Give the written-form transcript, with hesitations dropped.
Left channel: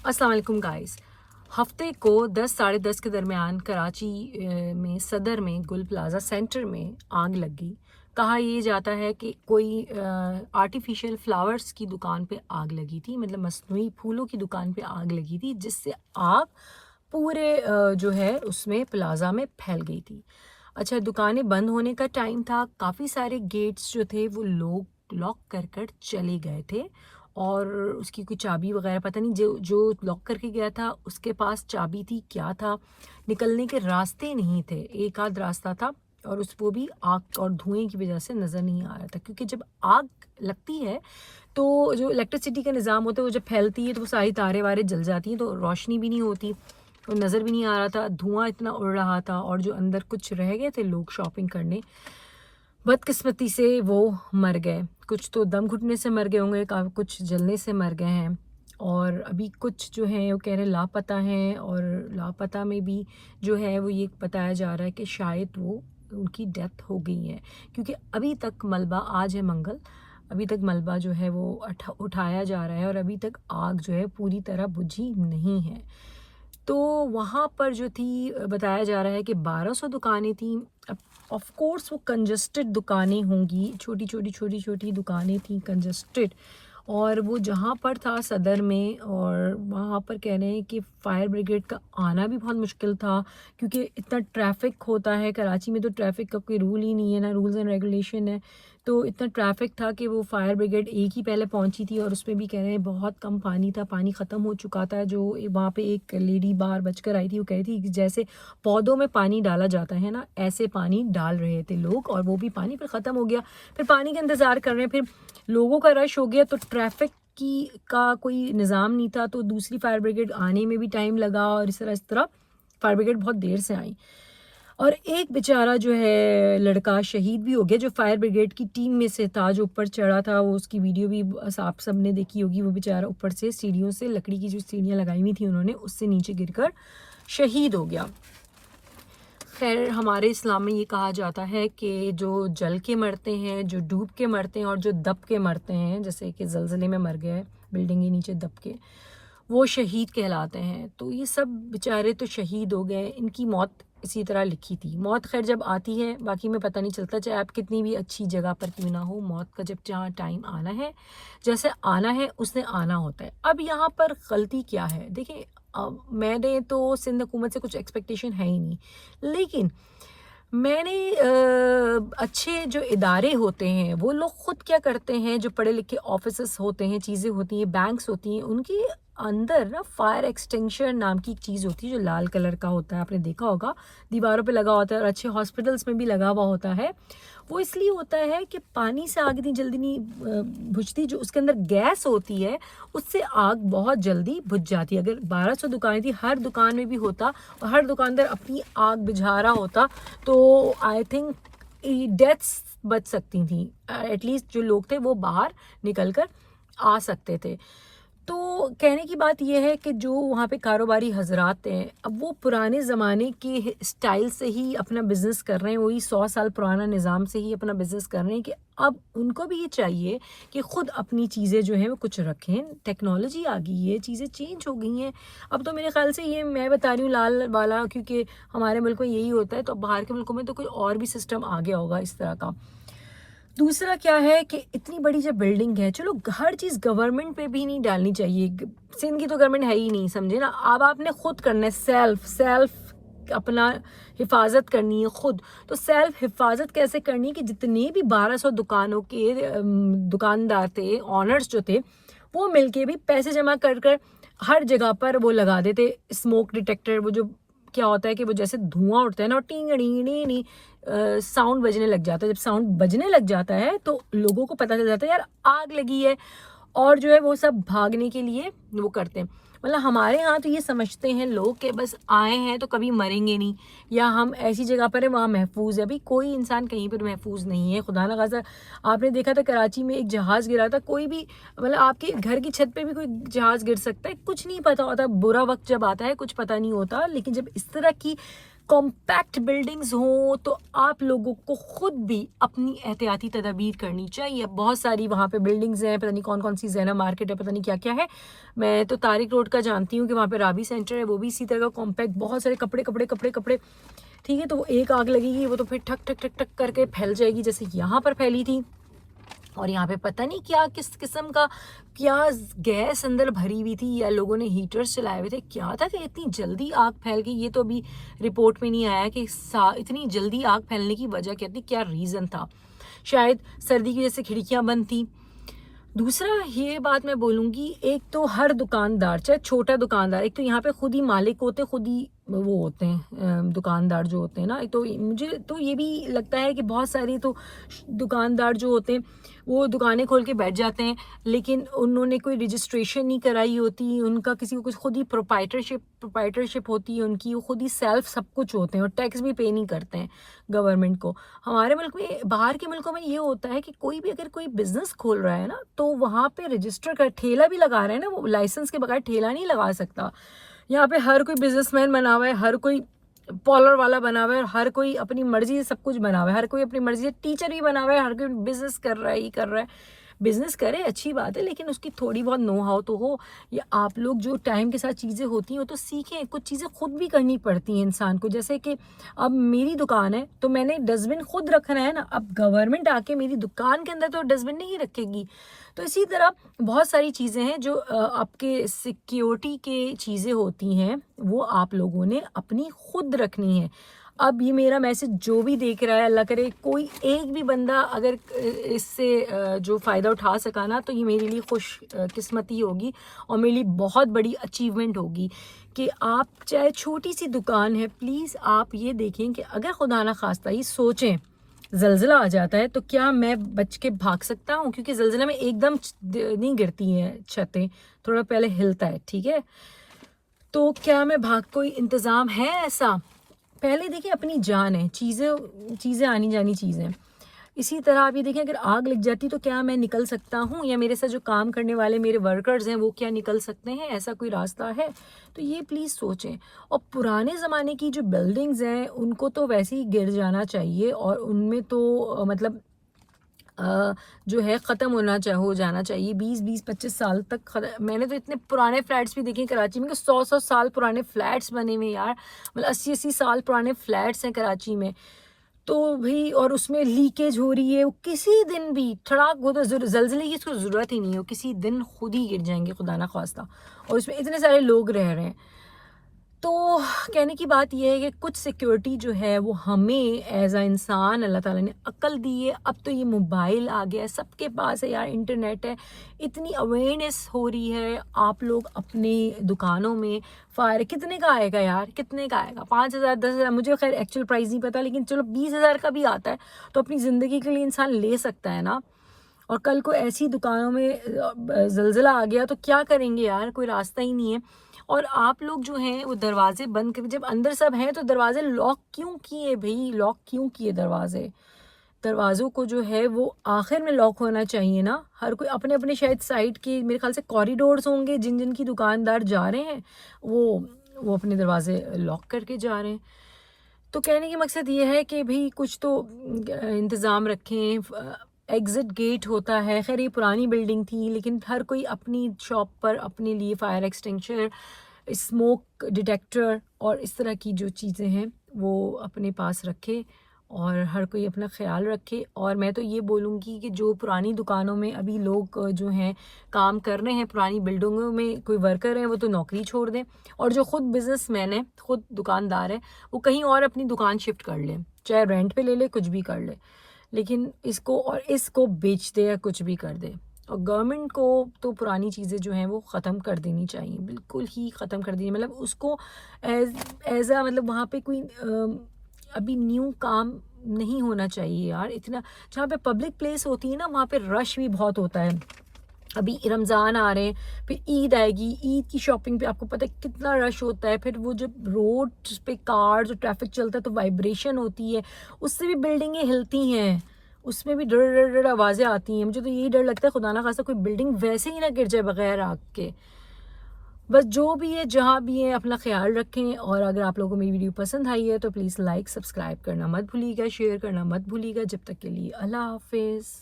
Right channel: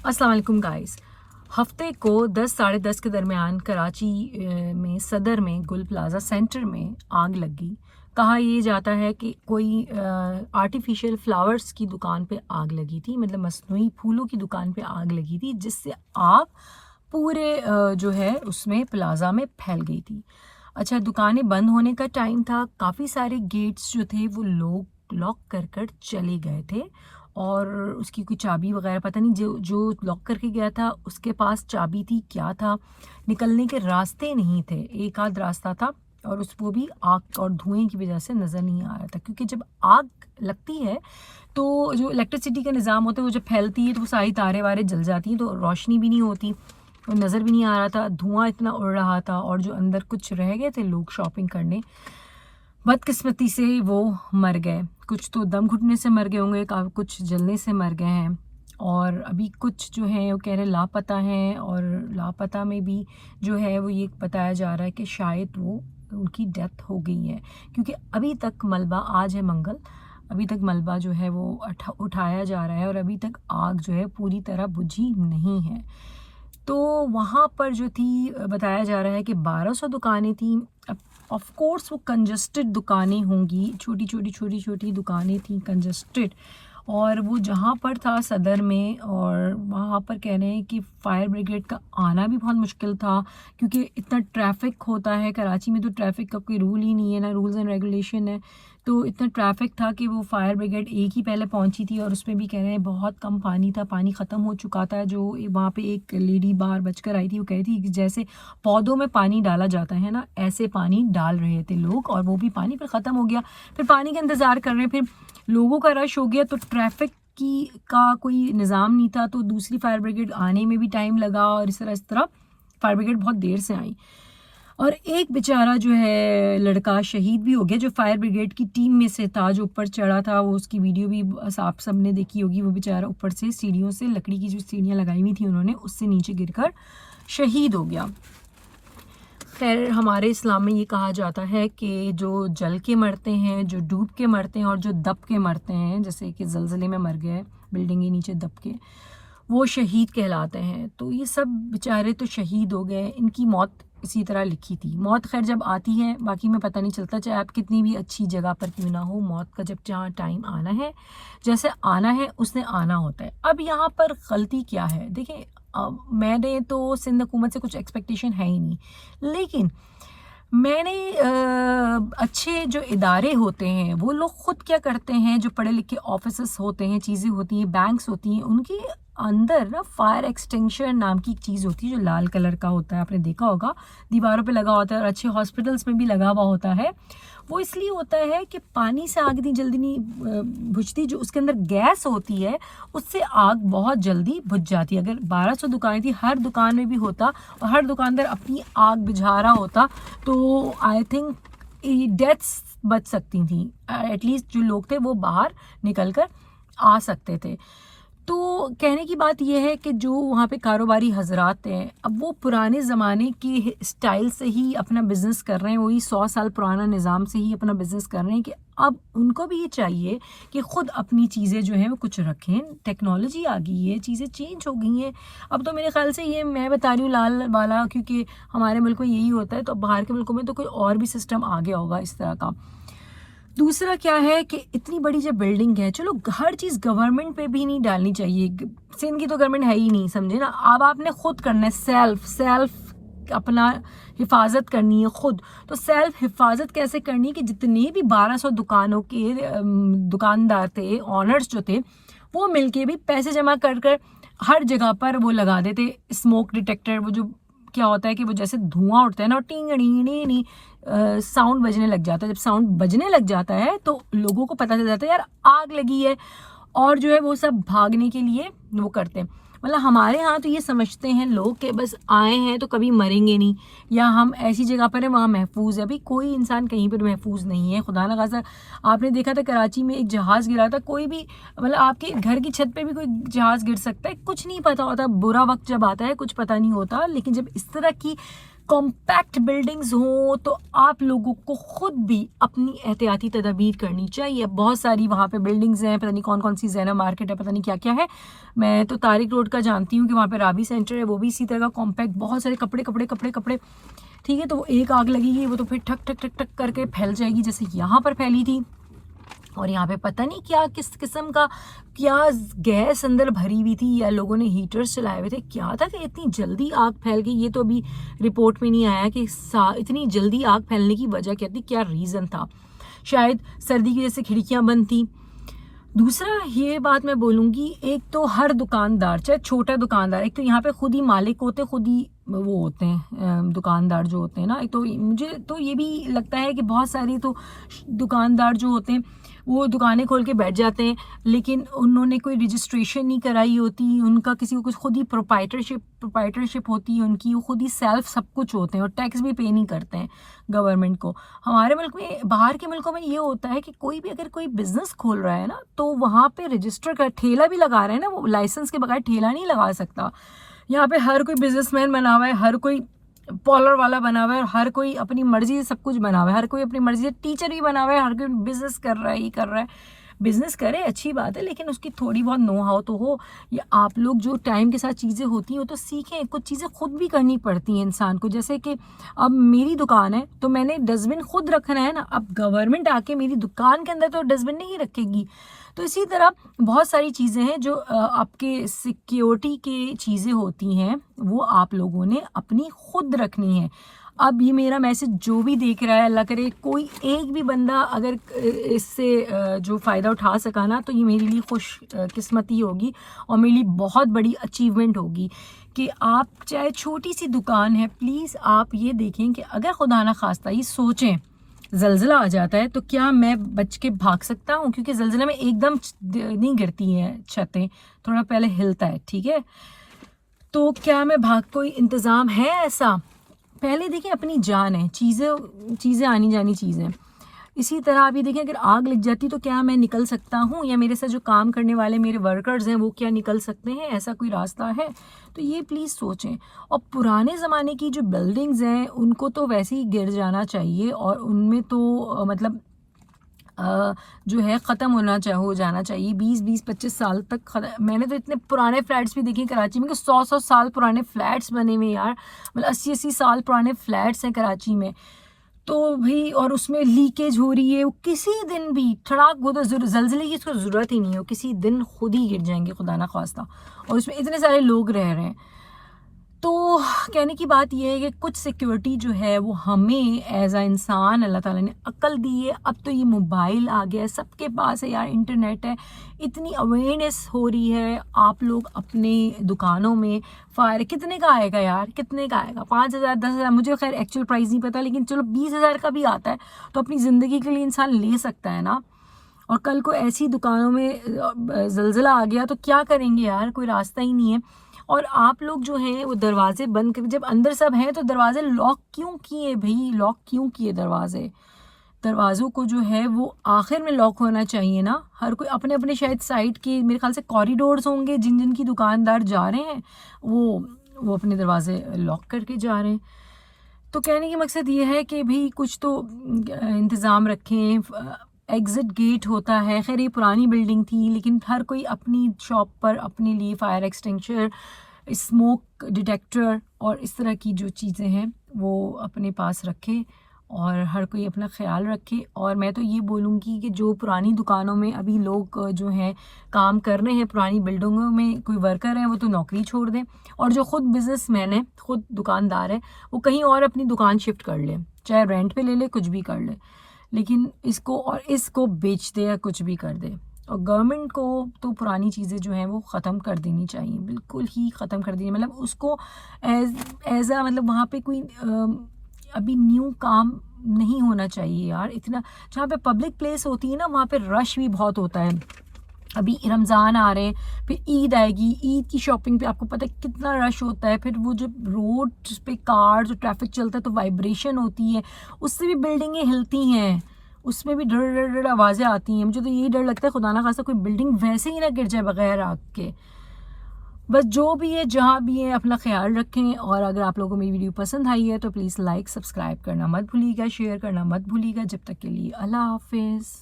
अस्सलाम वालेकुम गाइस। हफ्ते को 10 साढ़े 10 के दरमियान कराची में सदर में गुल प्लाज़ा सेंटर में आग लग गई। कहा ये जाता है कि कोई आर्टिफिशियल फ्लावर्स की दुकान पे आग लगी थी, मतलब मसनूई फूलों की दुकान पे आग लगी थी, जिससे आग पूरे जो है उसमें प्लाज़ा में फैल गई थी। अच्छा, दुकानें बंद होने का टाइम था, काफ़ी सारे गेट्स जो थे वो लोग लॉक कर कर चले गए थे और उसकी कोई चाबी वगैरह पता नहीं, जो जो लॉक करके गया था उसके पास चाबी थी, क्या था, निकलने के रास्ते नहीं थे। एक आध रास्ता था और वो भी आग और धुएं की वजह से नज़र नहीं आ रहा था, क्योंकि जब आग लगती है तो जो इलेक्ट्रिसिटी का निज़ाम होता है वो जब फैलती है तो वो सारी तारे वारे जल जाती हैं, तो रोशनी भी नहीं होती और नज़र भी नहीं आ रहा था, धुआं इतना उड़ रहा था। और जो अंदर कुछ रह गए थे लोग शॉपिंग करने, बदकिस्मती से वो मर गए। कुछ तो दम घुटने से मर गए होंगे, कुछ जलने से मर गए हैं और अभी कुछ जो हैं वो कह रहे हैं लापता हैं। और लापता में भी जो है वो ये बताया जा रहा है कि शायद वो उनकी डेथ हो गई है, क्योंकि अभी तक मलबा, आज है मंगल, अभी तक मलबा जो है वो उठाया जा रहा है और अभी तक आग जो है पूरी तरह बुझी नहीं है। तो वहाँ पर जो थी, बताया जा रहा है कि 1200 दुकानें थी। अब ऑफ कोर्स वो कंजस्टेड दुकानें होंगी, छोटी छोटी दुकानें थी, कंजस्टेड। और वो जहाँ पर था सदर में, और वहाँ पर कह रहे हैं कि फायर ब्रिगेड का आना भी बहुत मुश्किल था, क्योंकि इतना ट्रैफिक होता है कराची में, तो ट्रैफिक का कोई रूल ही नहीं है, ना रूल्स एंड रेगुलेशन है। तो इतना ट्रैफिक था कि वो फायर ब्रिगेड एक ही पहले पहुंची थी और उसमें भी कह रहे हैं बहुत कम पानी था, पानी ख़त्म हो चुका था। जो वहाँ पे एक लेडी बाहर बचकर आई थी, वो कह रही थी कि जैसे पौधों में पानी डाला जाता है ना, ऐसे पानी डाल रहे थे लोग, और वो भी पानी फिर ख़त्म हो गया। फिर पानी का इंतज़ार कर रहे हैं, फिर लोगों का रश हो गया, तो ट्रैफिक की का कोई निज़ाम नहीं था, तो दूसरी फायर ब्रिगेड आने में भी टाइम लगा और इस तरह फायर ब्रिगेड बहुत देर से आई। और एक बेचारा जो है लड़का शहीद भी हो गया, जो फायर ब्रिगेड की टीम में से था, जो ऊपर चढ़ा था, वो उसकी वीडियो भी आप सबने देखी होगी। वो बेचारा ऊपर से सीढ़ियों से, लकड़ी की जो सीढ़ियाँ लगाई हुई थी उन्होंने, उससे नीचे गिरकर शहीद हो गया। खैर, हमारे इस्लाम में ये कहा जाता है कि जो जल के मरते हैं, जो डूब के मरते हैं और जो दब के मरते हैं, जैसे कि ज़लज़ले में मर गए बिल्डिंग के नीचे दब के, वो शहीद कहलाते हैं। तो ये सब बेचारे तो शहीद हो गए, इनकी मौत इसी तरह लिखी थी। मौत खैर जब आती है, बाकी में पता नहीं चलता, चाहे आप कितनी भी अच्छी जगह पर क्यों ना हो, मौत का जब जहाँ टाइम आना है, जैसे आना है उसने आना होता है। अब यहाँ पर गलती क्या है, देखिए, मैंने तो सिंध हुकूमत से कुछ एक्सपेक्टेशन है ही नहीं, लेकिन मैंने अच्छे जो इदारे होते हैं वो लोग खुद क्या करते हैं, जो पढ़े लिखे ऑफिसर्स होते हैं, चीज़ें होती हैं, बैंक्स होती हैं, उनके अंदर ना फायर एक्सटिंग्विशर नाम की एक चीज़ होती है, जो लाल कलर का होता है, आपने देखा होगा, दीवारों पे लगा होता है और अच्छे हॉस्पिटल्स में भी लगा हुआ होता है। वो इसलिए होता है कि पानी से आग इतनी जल्दी नहीं बुझती, जो उसके अंदर गैस होती है उससे आग बहुत जल्दी बुझ जाती है। अगर 1200 दुकानें थी, हर दुकान में भी होता और हर दुकानदार अपनी आग बुझा रहा होता, तो आई थिंक डेथ्स बच सकती थी। एटलीस्ट जो लोग थे वो बाहर निकल कर आ सकते थे। तो कहने की बात यह है कि जो वहाँ पे कारोबारी हजरात हैं, अब वो पुराने ज़माने के स्टाइल से ही अपना बिज़नेस कर रहे हैं, वही 100 साल पुराना निज़ाम से ही अपना बिज़नेस कर रहे हैं, कि अब उनको भी ये चाहिए कि ख़ुद अपनी चीज़ें जो हैं वो कुछ रखें। टेक्नोलॉजी आ गई है, चीज़ें चेंज हो गई हैं। अब तो मेरे ख्याल से ये मैं बता रही हूँ लाल वाला, क्योंकि हमारे मुल्क में यही होता है, तो बाहर के मुल्कों में तो कोई और भी सिस्टम आ गया होगा इस तरह का। दूसरा क्या है कि इतनी बड़ी जब बिल्डिंग है, चलो हर चीज़ गवर्नमेंट पे भी नहीं डालनी चाहिए, सिंध की तो गवर्नमेंट है ही नहीं, समझे ना। अब आपने खुद करना है, सेल्फ अपना हिफाजत करनी है खुद। तो सेल्फ हिफाजत कैसे करनी है कि जितने भी 1200 दुकानों के दुकानदार थे, ऑनर्स जो थे, वो मिलके भी पैसे जमा कर कर हर जगह पर वो लगा देते स्मोक डिटेक्टर। वो जो क्या होता है कि वो जैसे धुआं उठता है ना, टिंग डी डी डी साउंड बजने लग जाता है। जब साउंड बजने लग जाता है तो लोगों को पता चल जाता है यार आग लगी है, और जो है वो सब भागने के लिए वो करते हैं। मतलब हमारे यहाँ तो ये समझते हैं लोग कि बस आए हैं तो कभी मरेंगे नहीं, या हम ऐसी जगह पर है वहाँ महफूज है। अभी कोई इंसान कहीं पर महफूज नहीं है, खुदा ना खासा। आपने देखा था कराची में एक जहाज़ गिरा था, कोई भी, मतलब आपके घर की छत पे भी कोई जहाज़ गिर सकता है, कुछ नहीं पता होता। बुरा वक्त जब आता है कुछ पता नहीं होता, लेकिन जब इस तरह की कॉम्पैक्ट बिल्डिंग्स हों तो आप लोगों को ख़ुद भी अपनी एहतियाती तदाबीर करनी चाहिए। बहुत सारी वहाँ पे बिल्डिंग्स हैं, पता नहीं कौन कौन सी ज़ैना मार्केट है, पता नहीं क्या क्या है। मैं तो तारिक रोड का जानती हूँ कि वहाँ पे राबी सेंटर है, वो भी इसी तरह का कॉम्पैक्ट, बहुत सारे कपड़े कपड़े कपड़े कपड़े, ठीक है। तो एक आग लगेगी वो तो फिर ठक ठक ठक ठक करके फैल जाएगी, जैसे यहाँ पर फैली थी। और यहाँ पे पता नहीं क्या किस किस्म का क्या गैस अंदर भरी हुई थी, या लोगों ने हीटर्स चलाए हुए थे, क्या था कि इतनी जल्दी आग फैल गई। ये तो अभी रिपोर्ट में नहीं आया कि इतनी जल्दी आग फैलने की वजह क्या थी, क्या रीज़न था। शायद सर्दी की वजह से खिड़कियाँ बंद थी। दूसरा ये बात मैं बोलूँगी, एक तो हर दुकानदार, चाहे छोटा दुकानदार, एक तो यहाँ पे खुद ही मालिक होते, खुद ही वो होते हैं दुकानदार जो होते हैं ना। एक तो मुझे तो ये भी लगता है कि बहुत सारी तो दुकानदार जो होते हैं वो दुकानें खोल के बैठ जाते हैं, लेकिन उन्होंने कोई रजिस्ट्रेशन नहीं कराई होती, उनका किसी को कुछ खुद ही प्रोप्राइटरशिप होती है उनकी, वो खुद ही सेल्फ सब कुछ होते हैं और टैक्स भी पे नहीं करते हैं गवर्नमेंट को। हमारे मुल्क में, बाहर के मुल्कों में ये होता है कि कोई भी अगर कोई बिजनेस खोल रहा है ना, तो वहाँ पे रजिस्टर कर ठेला भी लगा रहे हैं ना, वो लाइसेंस के बगैर ठेला नहीं लगा सकता। यहाँ पे हर कोई बिजनेसमैन बना हुआ है, हर कोई पॉलर वाला बना हुआ है, हर कोई अपनी मर्जी से सब कुछ बना हुआ है, हर कोई अपनी मर्जी से टीचर भी बना हुआ है, हर कोई बिजनेस कर रहा है, ये कर रहा है। बिजनेस करे अच्छी बात है, लेकिन उसकी थोड़ी बहुत नो हाउ तो हो। या आप लोग जो टाइम के साथ चीज़ें होती हैं वो तो सीखें, कुछ चीज़ें खुद भी करनी पड़ती हैं इंसान को। जैसे कि अब मेरी दुकान है तो मैंने डस्टबिन खुद रखना है ना, अब गवर्नमेंट आके मेरी दुकान के अंदर तो डस्टबिन नहीं रखेगी। तो इसी तरह बहुत सारी चीज़ें हैं जो आपके सिक्योरिटी के चीज़ें होती हैं, वो आप लोगों ने अपनी खुद रखनी है। अब ये मेरा मैसेज जो भी देख रहा है, अल्लाह करे कोई एक भी बंदा अगर इससे जो फ़ायदा उठा सका ना, तो ये मेरे लिए खुश किस्मती होगी और मेरे लिए बहुत बड़ी अचीवमेंट होगी कि आप चाहे छोटी सी दुकान है, प्लीज़ आप ये देखें कि अगर खुदा ना खास्ता ही सोचें ज़लज़ला आ जाता है तो क्या मैं बच के भाग सकता हूँ, क्योंकि ज़लज़ले में एकदम नहीं गिरती हैं छतें, थोड़ा पहले हिलता है, ठीक है। तो क्या मैं भाग, कोई इंतज़ाम है ऐसा? पहले देखिए अपनी जान है, चीज़ें आनी जानी चीज़ें। इसी तरह आप ये देखें, अगर आग लग जाती तो क्या मैं निकल सकता हूँ, या मेरे साथ जो काम करने वाले मेरे वर्कर्स हैं वो क्या निकल सकते हैं, ऐसा कोई रास्ता है? तो ये प्लीज़ सोचें। और पुराने ज़माने की जो बिल्डिंग्स हैं उनको तो वैसे ही गिर जाना चाहिए, और उनमें तो मतलब जो है ख़त्म हो जाना चाहिए 20-25 साल तक। मैंने तो इतने पुराने फ्लैट्स भी देखे कराची में कि 100-100 साल पुराने फ्लैट्स बने हुए यार, मतलब 80-80 साल पुराने फ्लैट्स हैं कराची में। तो भाई, और उसमें लीकेज हो रही है, वो किसी दिन भी ठड़ाक, वो तो ज़लज़ले की इसको ज़रूरत ही नहीं है, वो किसी दिन खुद ही गिर जाएंगे खुदा ना ख्वास्ता, और उसमें इतने सारे लोग रह रहे हैं। तो कहने की बात यह है कि कुछ सिक्योरिटी जो है वो हमें एज अ इंसान अल्लाह ताला ने अक्ल दी है। अब तो ये मोबाइल आ गया है, सबके पास है यार, इंटरनेट है, इतनी अवेयरनेस हो रही है। आप लोग अपनी दुकानों में फायर, कितने का आएगा यार, कितने का आएगा, 5,000 10,000, मुझे खैर एक्चुअल प्राइस नहीं पता, लेकिन चलो 20,000 का भी आता है तो अपनी ज़िंदगी के लिए इंसान ले सकता है ना। और कल को ऐसी दुकानों में ज़लज़ला आ गया तो क्या करेंगे यार, कोई रास्ता ही नहीं है। और आप लोग जो हैं वो दरवाजे बंद कर, जब अंदर सब हैं तो दरवाजे लॉक क्यों किए भाई, लॉक क्यों किए दरवाजे? दरवाज़ों को जो है वो आखिर में लॉक होना चाहिए ना। हर कोई अपने अपने शायद साइड के, मेरे ख्याल से कॉरिडोर्स होंगे जिन जिन की दुकानदार जा रहे हैं, वो अपने दरवाजे लॉक करके जा रहे हैं। तो कहने की मकसद ये है कि भाई कुछ तो इंतज़ाम रखें। एग्ज़िट गेट होता है, खैर ये पुरानी बिल्डिंग थी, लेकिन हर कोई अपनी शॉप पर अपने लिए फायर एक्सटिंग्विशर, स्मोक डिटेक्टर और इस तरह की जो चीज़ें हैं वो अपने पास रखे, और हर कोई अपना ख्याल रखे। और मैं तो ये बोलूँगी कि जो पुरानी दुकानों में अभी लोग जो हैं काम कर रहे हैं, पुरानी बिल्डिंगों में कोई वर्कर हैं, वो तो नौकरी छोड़ दें, और जो ख़ुद बिजनेसमैन है, ख़ुद दुकानदार है, वो कहीं और अपनी दुकान शिफ्ट कर ले, चाहे रेंट पे ले ले, कुछ भी कर ले, लेकिन इसको बेच दे या कुछ भी कर दे। और गवर्नमेंट को तो पुरानी चीज़ें जो हैं वो ख़त्म कर देनी चाहिए, बिल्कुल ही ख़त्म कर देनी, मतलब उसको एज अ मतलब वहाँ पे कोई अभी न्यू काम नहीं होना चाहिए यार। इतना जहाँ पे पब्लिक प्लेस होती है ना, वहाँ पे रश भी बहुत होता है। अभी रमज़ान आ रहे हैं, फिर ईद आएगी, ईद की शॉपिंग पे आपको पता है कितना रश होता है। फिर वो जो रोड पे कार जो ट्रैफिक चलता है तो वाइब्रेशन होती है, उससे भी बिल्डिंगें हिलती हैं, उसमें भी डर डर डर आवाज़ें आती हैं। मुझे तो यही डर लगता है खुदा ना खास्ता कोई बिल्डिंग वैसे ही ना गिर जाए बगैर आग के। बस जो भी है जहाँ भी है अपना ख्याल रखें, और अगर आप लोगों को मेरी वीडियो पसंद आई है तो प्लीज़ लाइक सब्सक्राइब करना मत भूलिएगा, शेयर करना मत भूलिएगा। जब तक के लिए अल्लाह हाफिज़।